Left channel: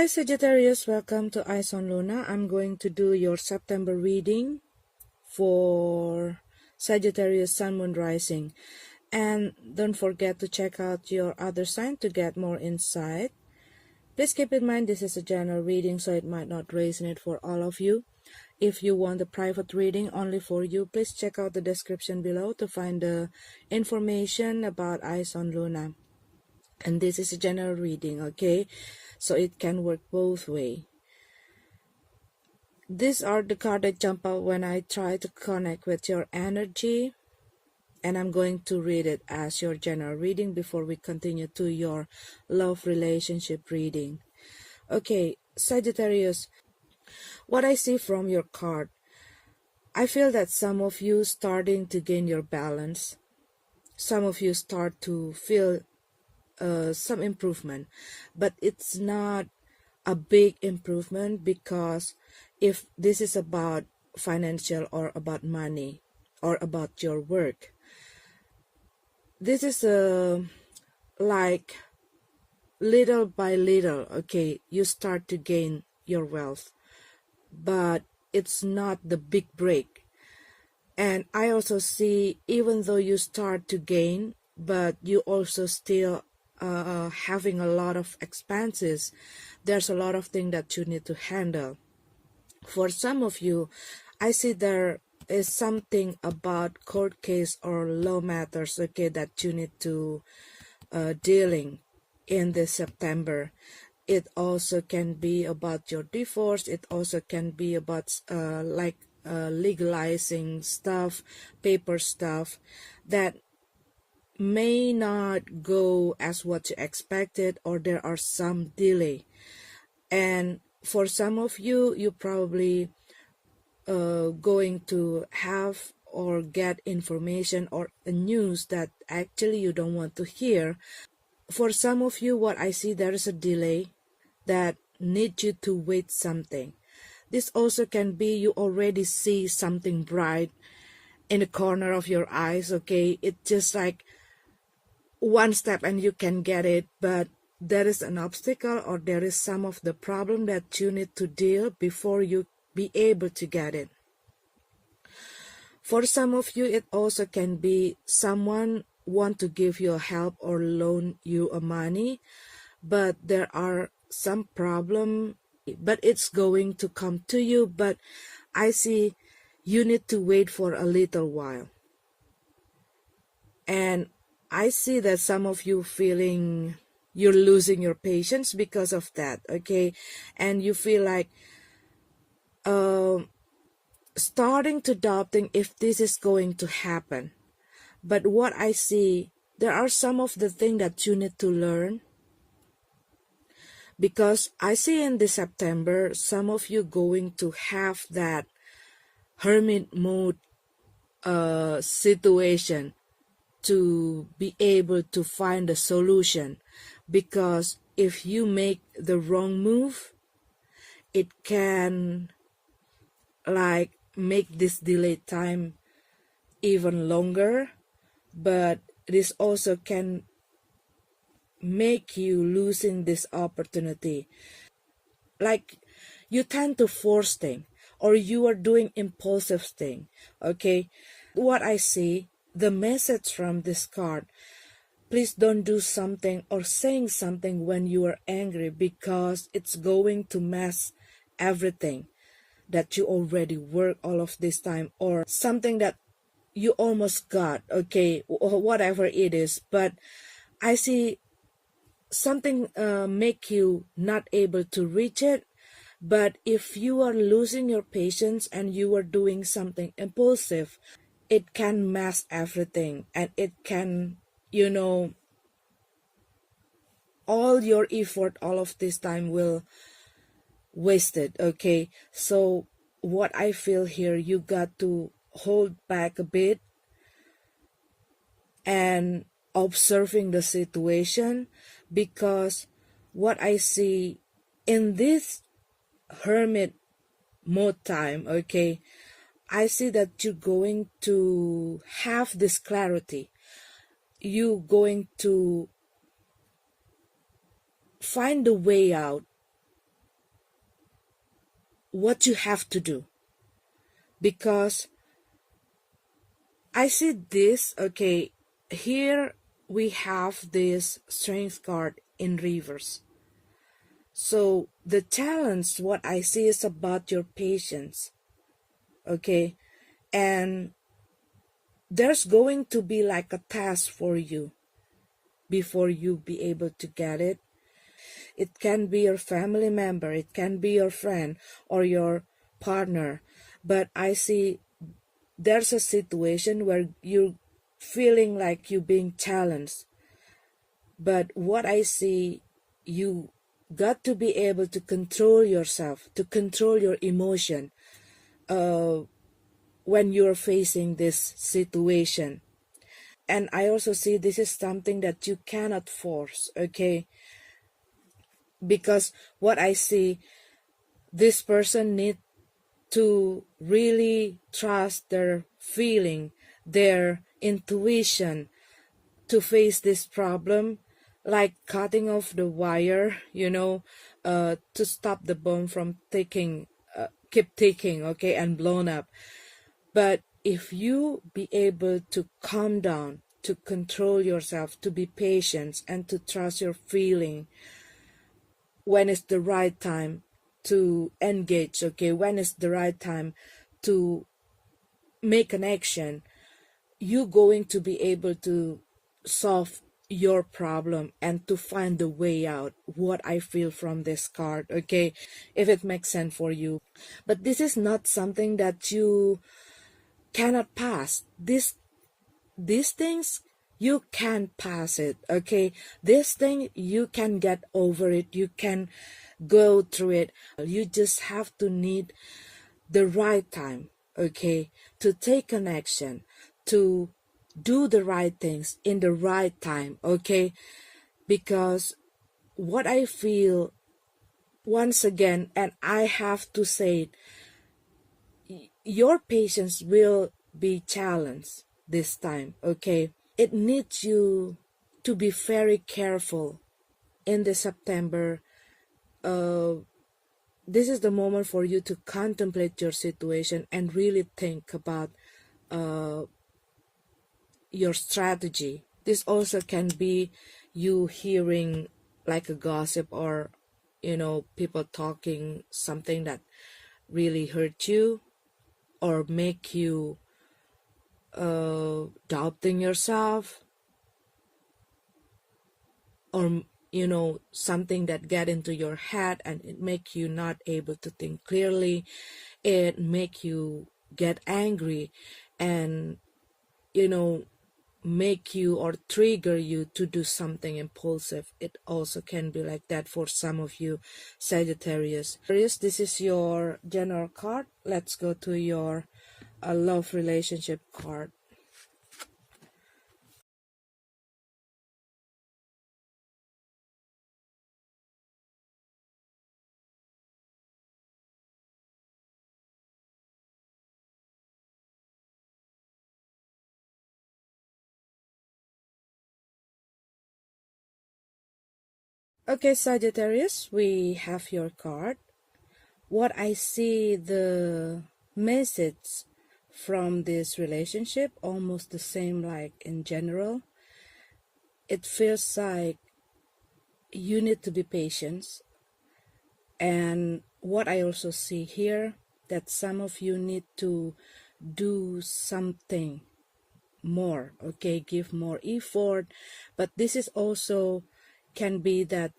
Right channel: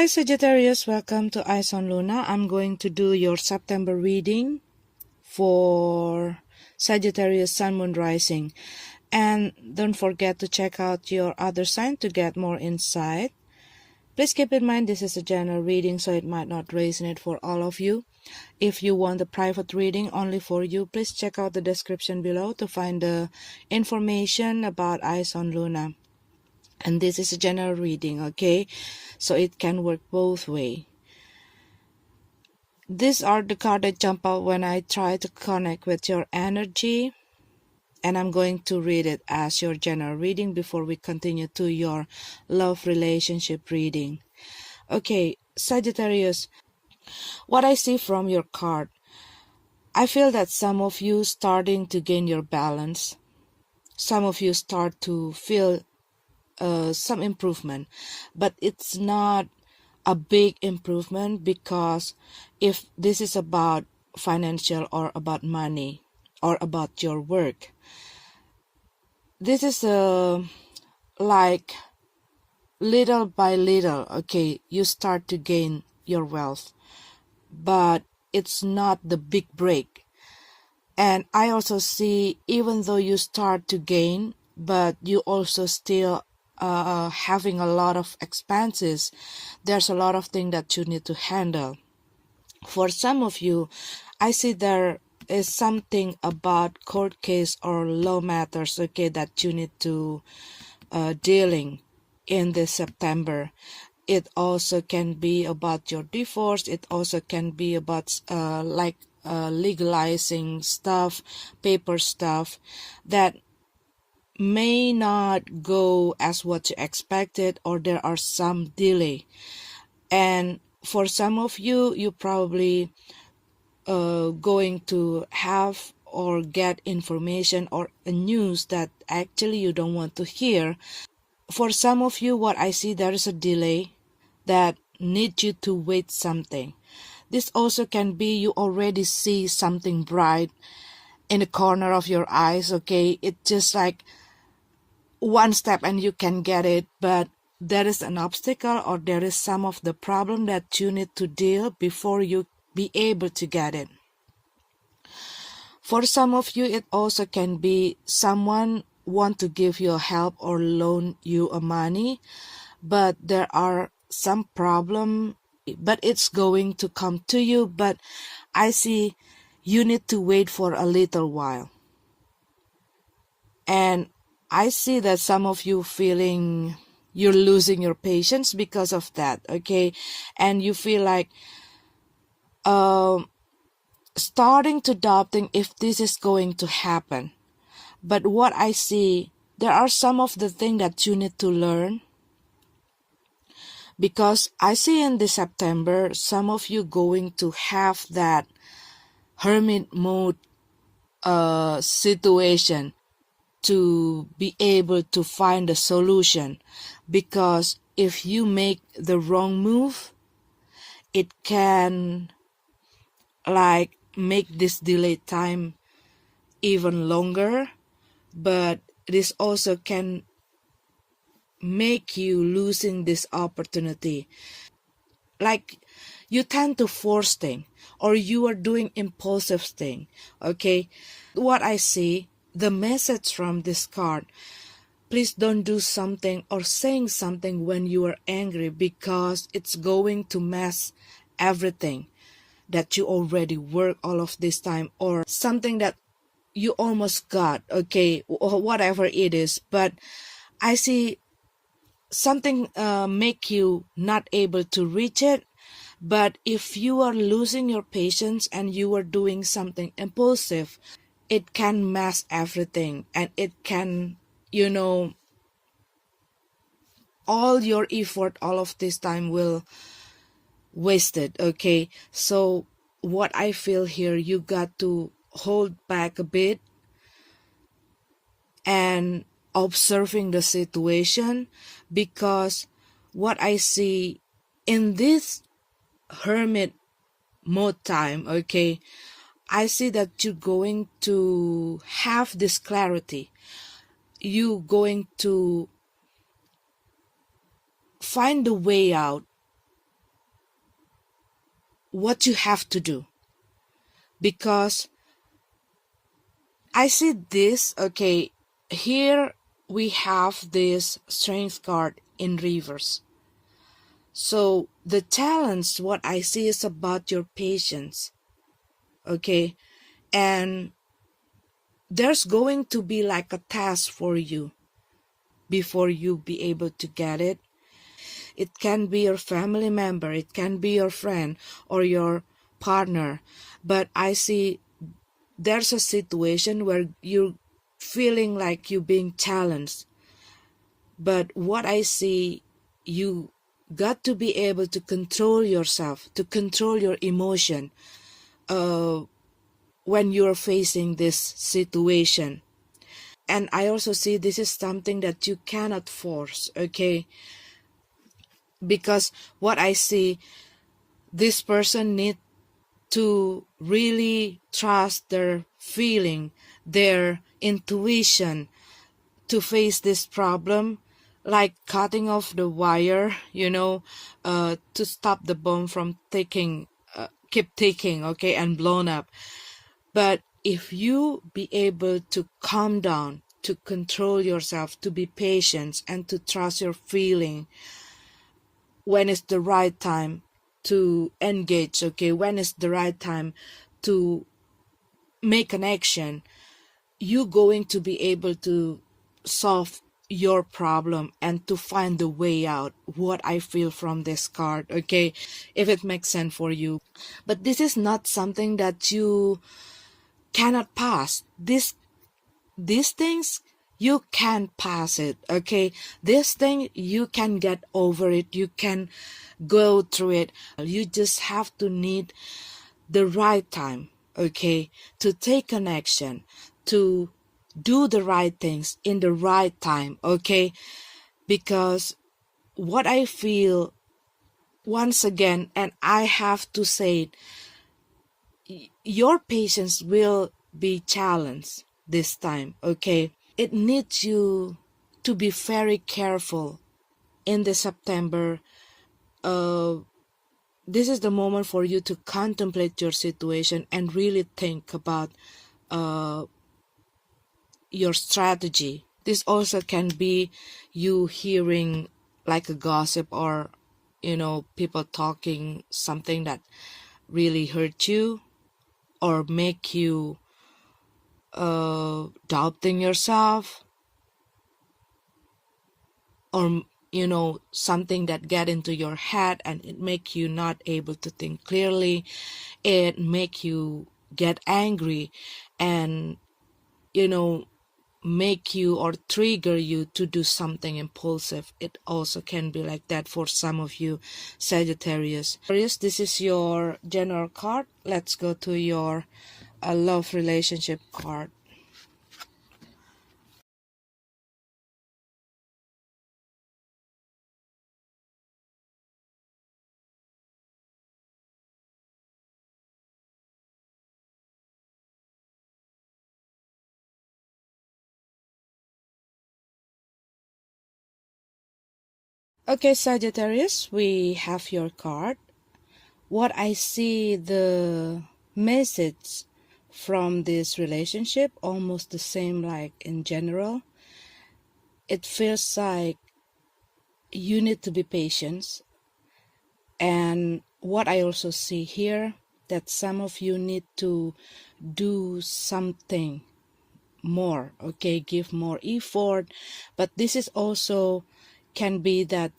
Hi Sagittarius, welcome to Eyes on Luna. I'm going to do your September reading for Sagittarius Sun Moon Rising. And don't forget to check out your other sign to get more insight. Please keep in mind this is a general reading, so it might not resonate for all of you. If you want a private reading only for you, please check out the description below to find the information about Eyes on Luna. And this is a general reading, okay? So it can work both ways. These are the cards that jump out when I try to connect with your energy. And I'm going to read it as your general reading before we continue to your love relationship reading. Okay, Sagittarius, what I see from your card, I feel that some of you starting to gain your balance. Some of you start to feel some improvement, but it's not a big improvement, because if this is about financial or about money or about your work, this is like little by little, okay, you start to gain your wealth, but it's not the big break. And I also see, even though you start to gain, but you also still having a lot of expenses. There's a lot of things that you need to handle. For some of you, I see there is something about court case or law matters, okay, that you need to dealing in this September. It also can be about your divorce. It also can be about legalizing stuff, paper stuff that may not go as what you expected, or there are some delay. And for some of you, you probably going to have or get information or a news that actually you don't want to hear. For some of you, what I see, there is a delay that needs you to wait something. This also can be you already see something bright in the corner of your eyes, okay? It's just like one step and you can get it, but there is an obstacle or there is some of the problem that you need to deal before you be able to get it. For some of you, it also can be someone want to give you help or loan you a money, but there are some problem, but it's going to come to you, but I see you need to wait for a little while. And I see that some of you feeling you're losing your patience because of that, okay? And you feel like starting to doubting if this is going to happen. But what I see, there are some of the things that you need to learn, because I see in this September, some of you going to have that hermit mode situation to be able to find a solution, because if you make the wrong move, it can like make this delayed time even longer, but this also can make you losing this opportunity. Like you tend to force things, or you are doing impulsive thing, okay? What I see, the message from this card, please don't do something or saying something when you are angry, because it's going to mess everything that you already work all of this time, or something that you almost got, okay, or whatever it is. But I see something make you not able to reach it. But if you are losing your patience and you are doing something impulsive, it can mess everything, and it can, all your effort, all of this time will wasted, okay? So what I feel here, you got to hold back a bit and observing the situation, because what I see in this hermit mode time, okay, I see that you're going to have this clarity. You're going to find a way out what you have to do. Because I see this, okay, here we have this strength card in reverse. So the challenge, what I see is about your patience, okay? And there's going to be like a task for you before you be able to get it. It can be your family member, it can be your friend or your partner. But I see there's a situation where you're feeling like you're being challenged. But what I see, you got to be able to control yourself, to control your emotion when you're facing this situation. And I also see this is something that you cannot force, okay? Because what I see, this person need to really trust their feeling, their intuition to face this problem, like cutting off the wire, to stop the bomb from keep ticking, okay, and blown up. But if you be able to calm down, to control yourself, to be patient, and to trust your feeling when it's the right time to engage, okay, when it's the right time to make an action, you going to be able to solve your problem and to find the way out. What I feel from this card, okay, if it makes sense for you. But this is not something that you cannot pass. These things, you can pass it, okay? This thing, you can get over it, you can go through it. You just have to need the right time, okay, to take an action, to do the right things in the right time, okay? Because what I feel, once again, and I have to say it, your patience will be challenged this time, okay? It needs you to be very careful in the September. This is the moment for you to contemplate your situation and really think about your strategy. This also can be you hearing like a gossip or people talking something that really hurt you or make you doubting yourself, or something that get into your head and it make you not able to think clearly. It make you get angry and make you or trigger you to do something impulsive. It also can be like that for some of you, Sagittarius. This is your general card. Let's go to your love relationship card. Okay, Sagittarius, we have your card. What I see, the message from this relationship, almost the same like in general. It feels like you need to be patient. And what I also see here, that some of you need to do something more, okay, give more effort. But this is also can be that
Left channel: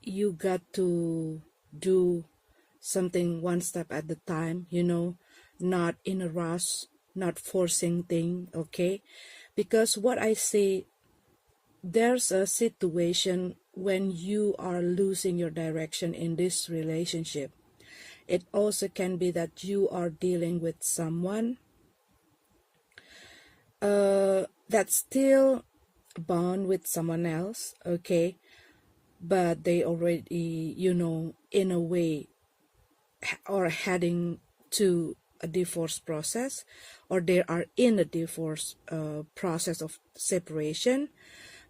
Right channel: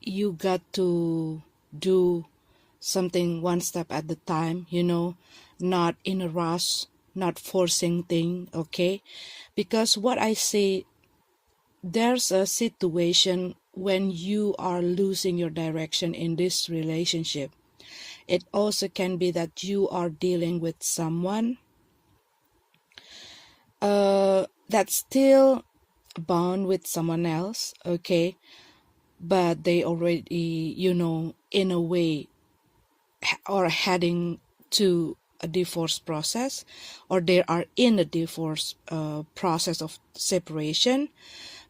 you got to do something one step at the time, not in a rush, not forcing thing, okay? Because what I see, there's a situation when you are losing your direction in this relationship. It also can be that you are dealing with someone that's still bound with someone else, okay? But they already, in a way, are heading to a divorce process, or they are in a divorce process of separation.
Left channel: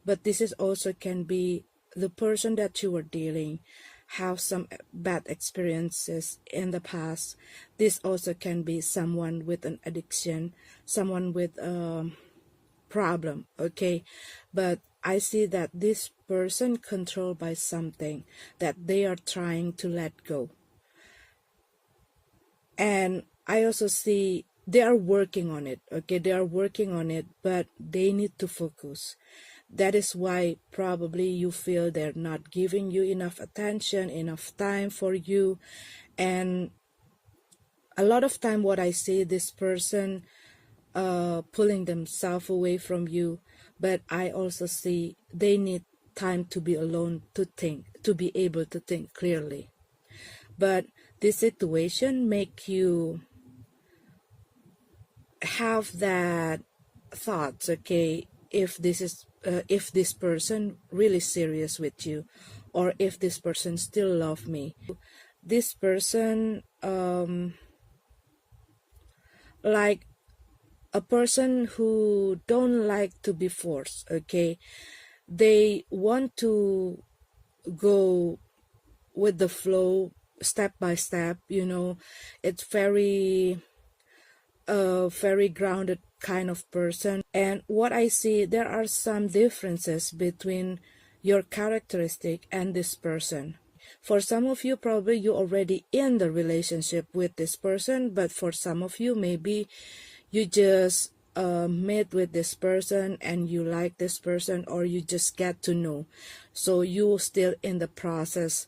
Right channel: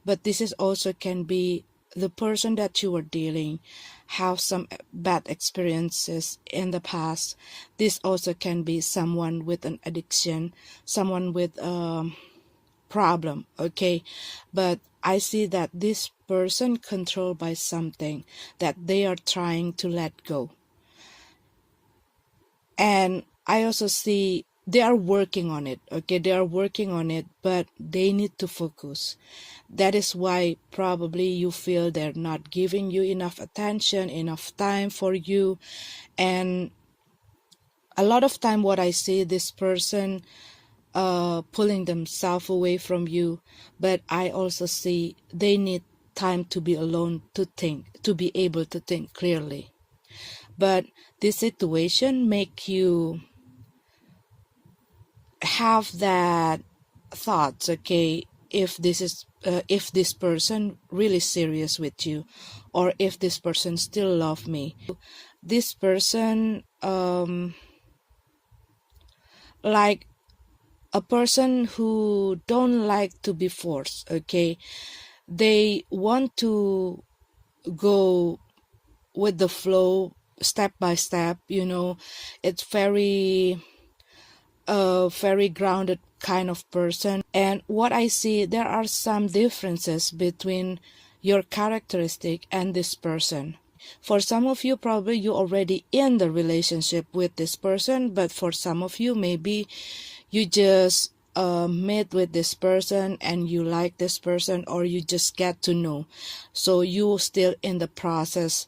But this is also can be the person that you are dealing have some bad experiences in the past. This also can be someone with an addiction, someone with problem, okay? But I see that this person controlled by something that they are trying to let go. And I also see they are working on it, okay? They are working on it, but they need to focus. That is why probably you feel they're not giving you enough attention, enough time for you. And a lot of time what I see, this person pulling themselves away from you, but I also see they need time to be alone, to think, to be able to think clearly. But this situation make you have that thoughts, okay? If this person really serious with you, or if this person still love me, this person like a person who don't like to be forced, okay? They want to go with the flow, step by step, it's very grounded kind of person. And what I see, there are some differences between your characteristic and this person. For some of you, probably you already in the relationship with this person, but for some of you, maybe you just met with this person and you like this person, or you just get to know. So you still in the process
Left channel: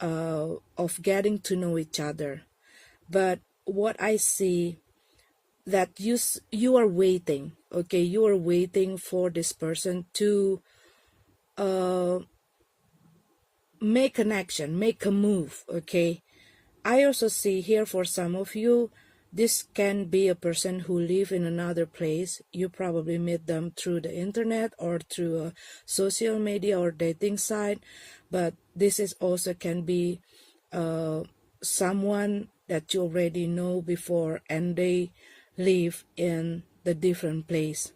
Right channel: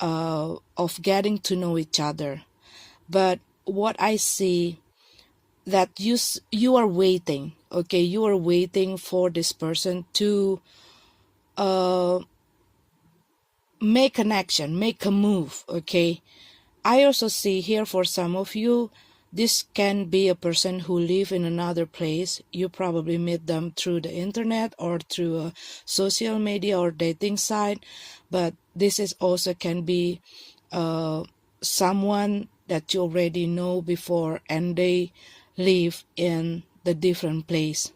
of getting to know each other. But what I see, that you are waiting, okay? You are waiting for this person to make an action, make a move, okay? I also see here for some of you, this can be a person who live in another place. You probably meet them through the internet or through a social media or dating site, but this is also can be someone that you already know before, and they live in the different place.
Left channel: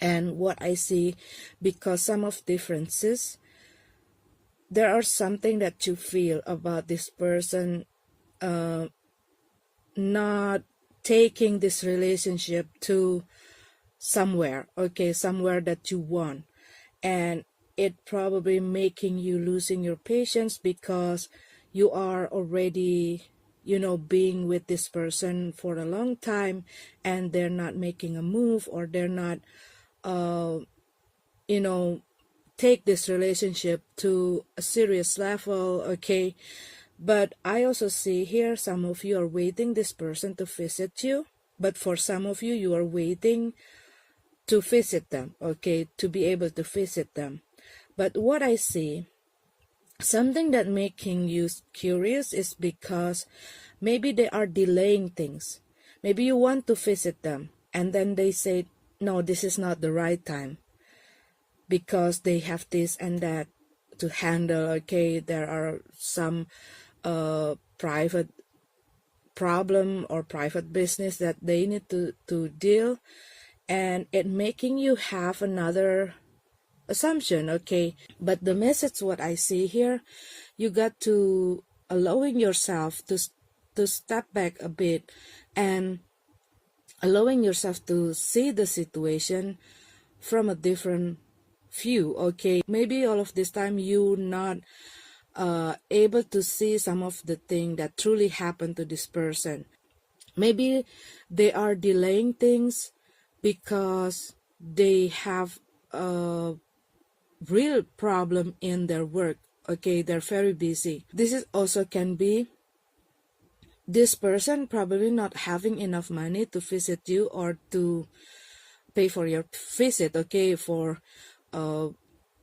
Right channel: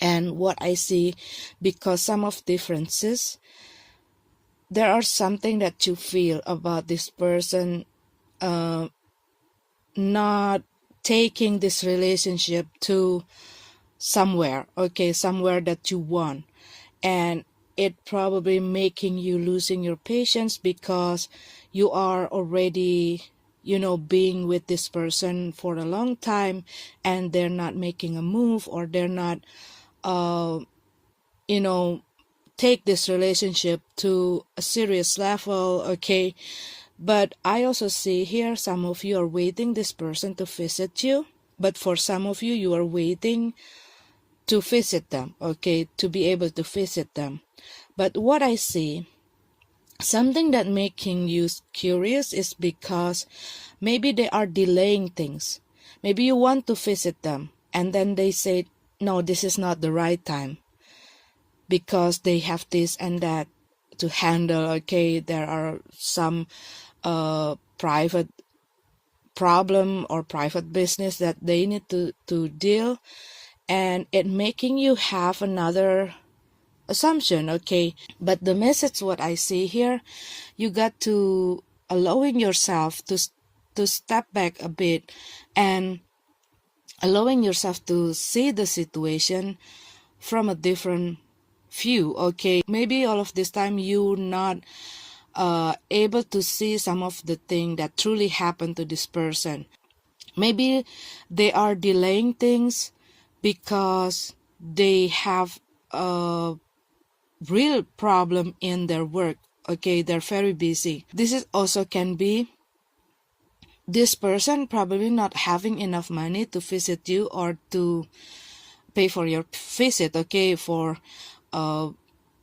And what I see, because some of differences, there are something that you feel about this person not taking this relationship to somewhere, okay, somewhere that you want. And it probably making you losing your patience, because you are already being with this person for a long time, and they're not making a move, or they're not take this relationship to a serious level, okay? But I also see here, some of you are waiting this person to visit you, but for some of you, you are waiting to visit them, okay, to be able to visit them. But what I see, something that making you curious is because maybe they are delaying things. Maybe you want to visit them, and then they say, no, this is not the right time, because they have this and that to handle, okay? There are some private problem or private business that they need to deal, and it making you have another assumption, okay? But the message what I see here, you got to allowing yourself to step back a bit, and allowing yourself to see the situation from a different view, okay? Maybe all of this time you not able to see some of the thing that truly happened to this person. Maybe they are delaying things because they have a real problem in their work, okay? They're very busy. This is also can be this person probably not having enough money to visit you or to pay for your visit, okay, for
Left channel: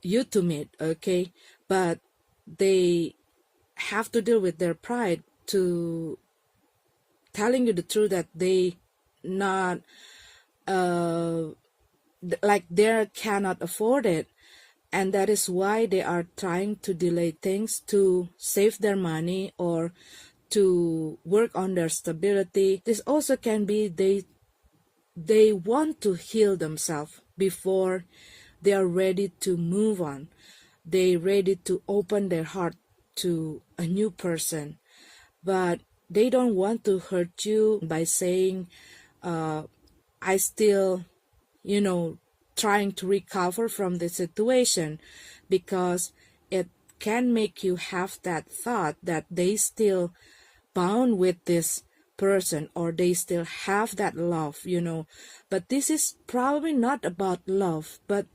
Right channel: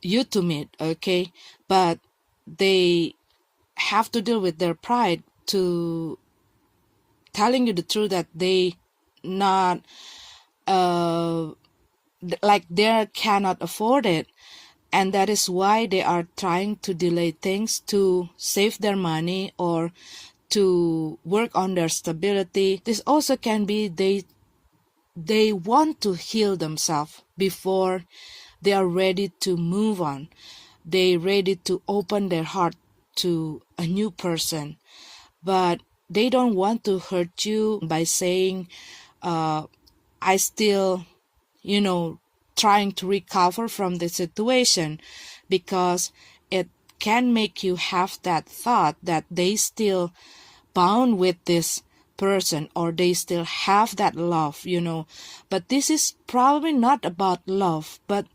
you to meet, okay? But they have to deal with their pride to telling you the truth that they not like they cannot afford it, and that is why they are trying to delay things to save their money or to work on their stability. This also can be they want to heal themselves before they are ready to move on. They ready to open their heart to a new person, but they don't want to hurt you by saying, I still, trying to recover from the situation, because it can make you have that thought that they still bound with this person, or they still have that love. But this is probably not about love, but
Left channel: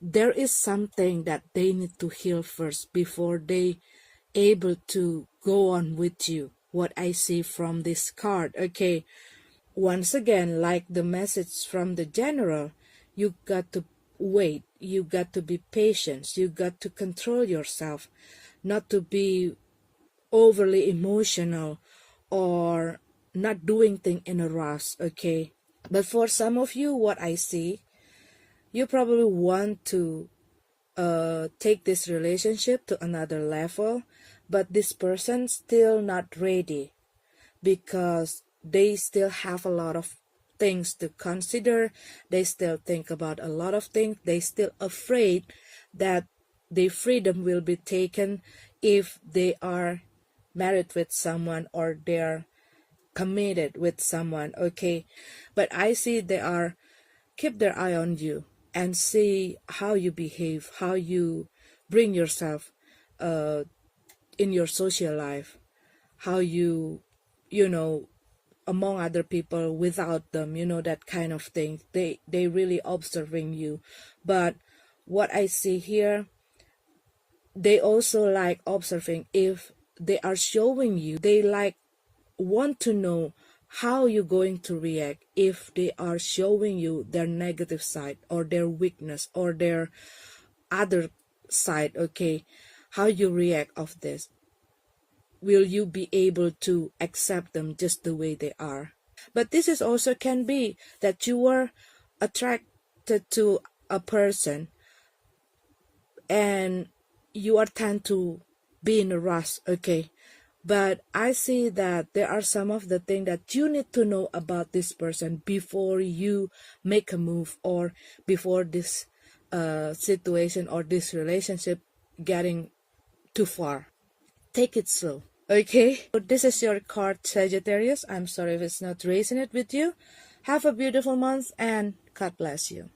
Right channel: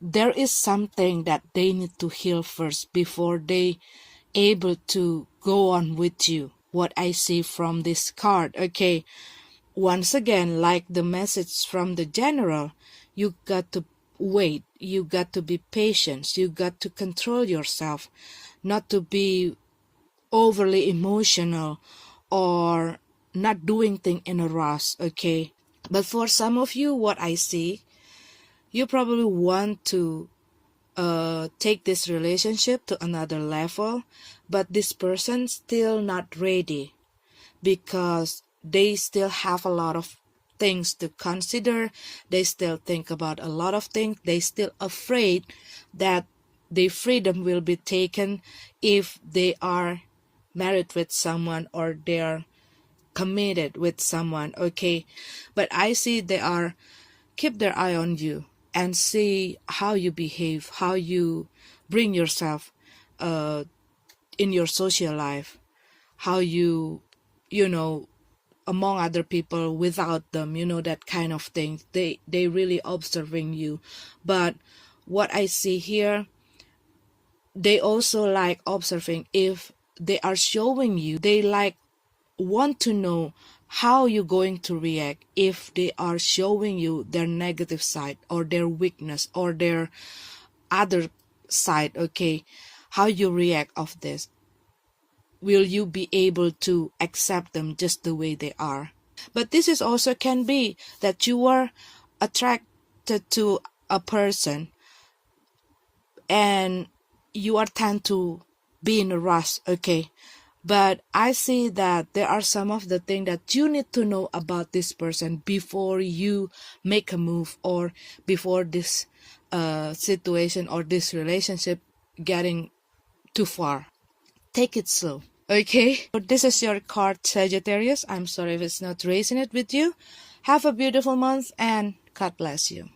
there is something that they need to heal first before they able to go on with you. What I see from this card, okay, once again, like the message from the general, you got to wait, you got to be patient, you got to control yourself, not to be overly emotional or not doing things in a rush, okay? But for some of you, what I see, you probably want to take this relationship to another level, but this person still not ready, because they still have a lot of things to consider. They still think about a lot of things. They still afraid that their freedom will be taken if they are married with someone or they're committed with someone, okay? But I see they are keep their eye on you and see how you behave, how you bring yourself in your social life, how you among other people without them, that kind of thing. They really observing you. But what I see here, they also like observing if they are showing you, they like want to know how you're going to react if they are showing you their negative side or their weakness or their other side, okay? How you react of this. Will you be able to accept them just the way they are? But this is also can be that you are attracted to a person and you are tend to be in a rush, okay? But I see that there are some of the things that you need to know about this person before you make a move, or before this situation or this relationship getting too far. Take it slow, okay? So this is your card, Sagittarius. I'm sorry if it's not raising it with you. Have a beautiful month and God bless you.